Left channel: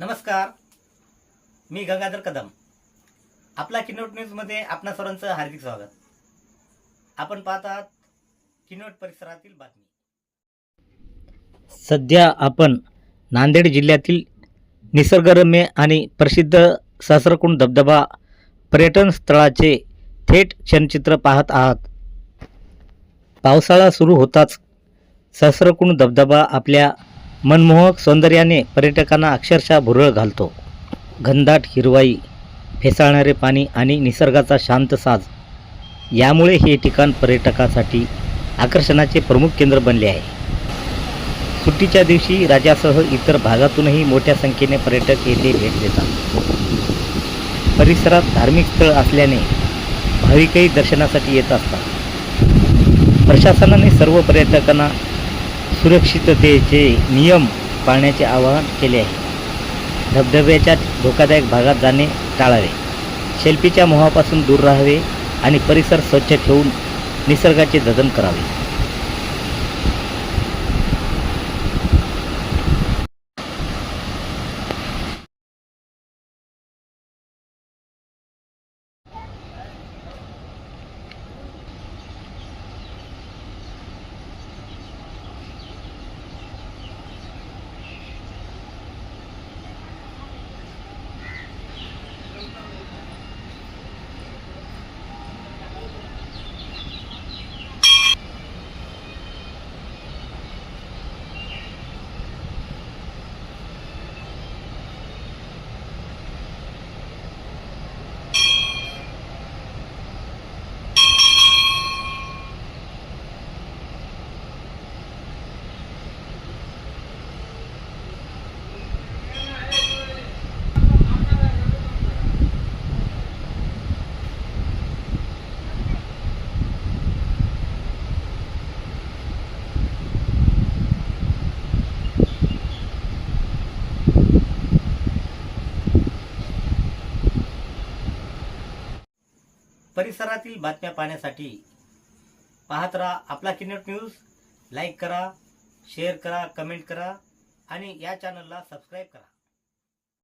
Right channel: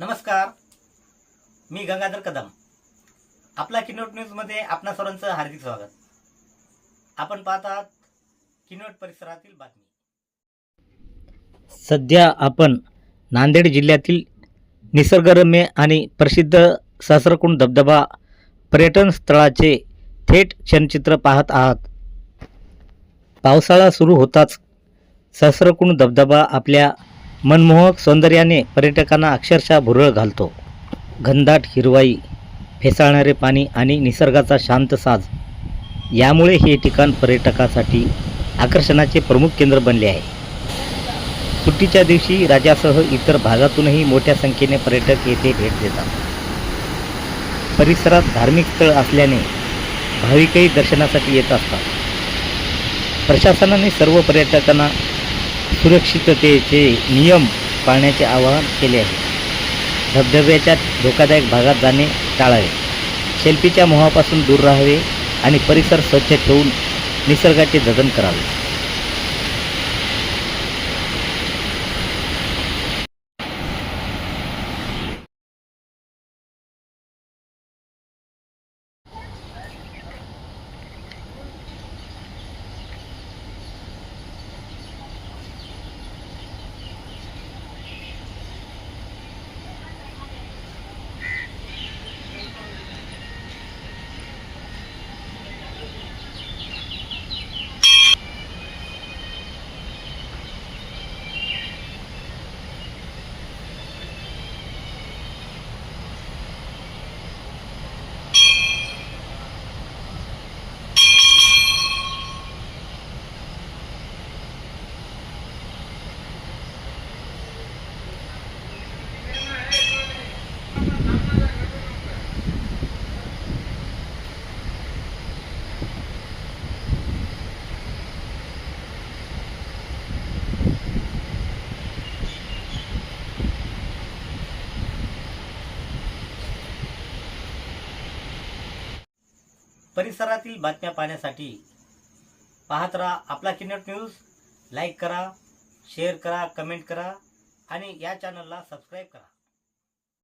नमस्कार, मी गंगाधर कदम. आपला किनवट न्यूजमध्ये आपणा सर्वांचं हार्दिक स्वागत. आपण पाहत आहात किनवट परिसरातील बातमी. सध्या आपण नांदेड जिल्ह्यातील निसर्गरम्य आणि प्रसिद्ध सहस्रकुंड धबधबा पर्यटन स्थळाचे थेट क्षणचित्र पाहत आहात. पावसाळा सुरू होताच सहस्रकुंड धबधबा आपल्या मनमोहक सौंदर्याने पर्यटकांना अक्षरशः भुरळ घालतो. घनदाट हिरवाई, फेसाळणारे पाणी आणि निसर्गाचा शांत साज यामुळे हे ठिकाण पर्यटकासाठी आकर्षणाचे प्रमुख केंद्र बनले आहे. सुट्टीच्या दिवशी राज्यासह इतर भागातूनही मोठ्या संख्येने पर्यटक येथे भेट देतात. परिसरात धार्मिक स्थळ असल्याने भाविकही दर्शनासाठी येत असतात. प्रशासनाने सर्व पर्यटकांना सुरक्षिततेचे नियम पाळण्याचे आवाहन केले आहे. धबधब्याच्या धोकादायक भागात जाणे टाळावे, सेल्फीच्या मोहापासून दूर राहावे आणि परिसर स्वच्छ ठेवून निसर्गाचे जतन करावे. परिसरातील बातम्या पाहण्यासाठी पाहत राहा आपला किनवट न्यूज. लाईक करा, शेअर करा, कमेंट करा आणि या चॅनलला सबस्क्राईब करा.